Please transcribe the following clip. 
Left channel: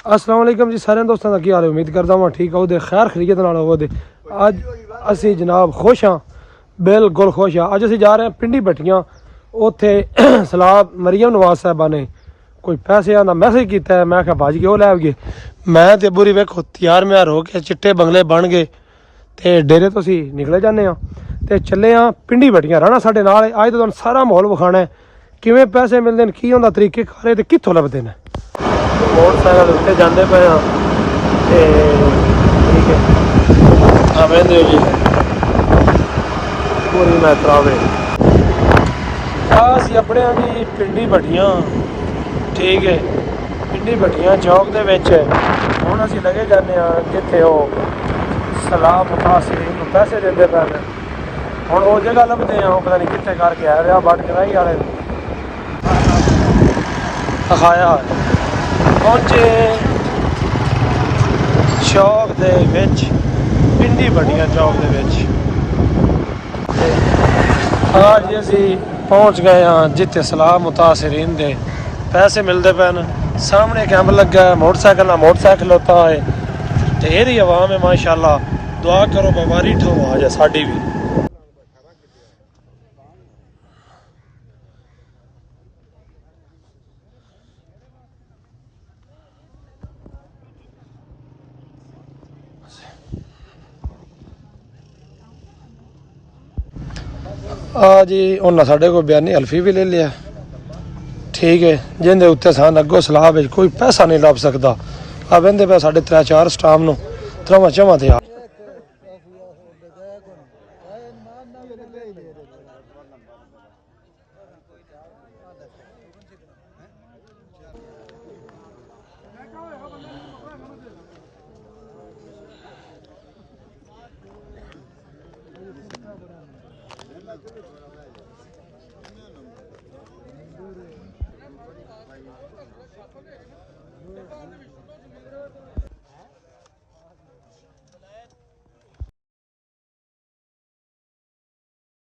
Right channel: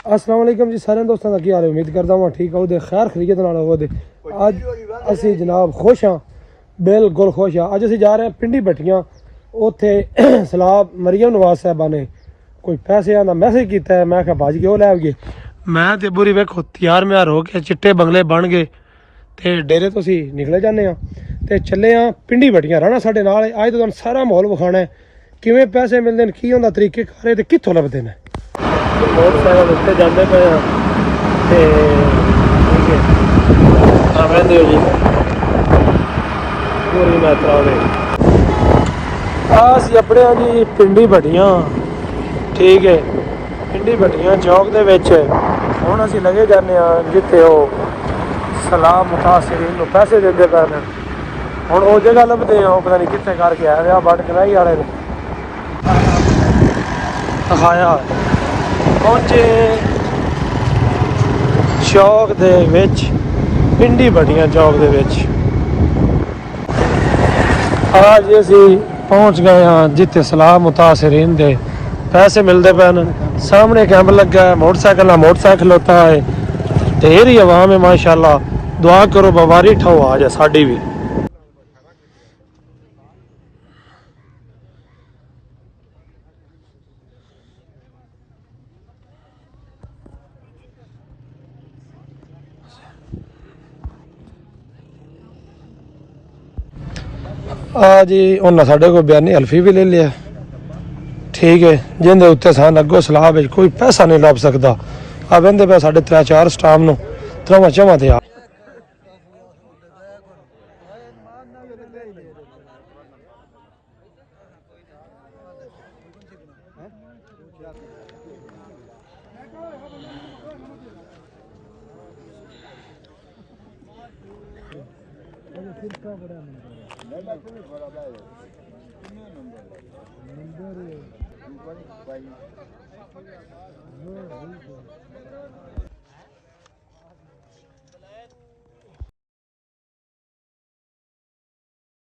अस्सलाम वालेकुम जी सारे दोस्तों का की हाल है। उम्मीद करता हूँ ठीक हो खैर खरीयत नाल होवो। अज असी जनाब खुश हाँ, बिल्कुल खुश हाँ। अज असी जा रहे हैं पिंडी भट्टियां। उत्थे सलाह मरियम नवाज साहबा ने कोई पैसे का मैसेज किया है। मैं क्या भाजी क्यों लै गए। मैं तो बुरी वेखो तैयार म्यार हो के चिट्टे बंगले बन गए तो डेरे तो असी निकले जाने तो चले हाँ पिंडी भट्टियां। रहना साढ़े नाल है। अज तो तुहानू सारा माहौल विखाना है किवें पैसे मिलते हैं, की होंदा तरीके कारे ते कित्थों लभदे ने। मोटरसाइकिल उत्ते जाते पे हाँ ते ठीक है हाँ बहते हो जी पूरी मात्रा वे असी अपने जी पिंडी भट्टियां। ठीक है पिंडी भट्टियां चौक दे विच हुण असी लगे जाने जिथे वो सलाह मुतासिरीन नूं पैसे देंदे पैन। हुण वो जगह लभदे हैं वो पता नहीं कित्थे करके आए आ बट कराई वाले ने दिखाया पहुंचे चौक दे विच पिंडी भट्टियां चौक दे विच। आज असी पहुंच गए हाँ जिथे सलाह मुतासिरीन दे पैसे मिलते पैन। सामने कैंप लगा है, मोटरसाइकिल होता है। ढेरी आवाम है माशाल्लाह। दुआ करो बवारी ठाओ आ जाए साड़ी भी। जी उन्हें साढ़े को बयानी हल्फी भी ले लिया। ठीक है जिंदे उत्ते सन अगो सलाह कोई पैसा नहीं लभ सकता। आ बहते पे साढ़े 3-4 स्टाफ न त्रवा चवा ते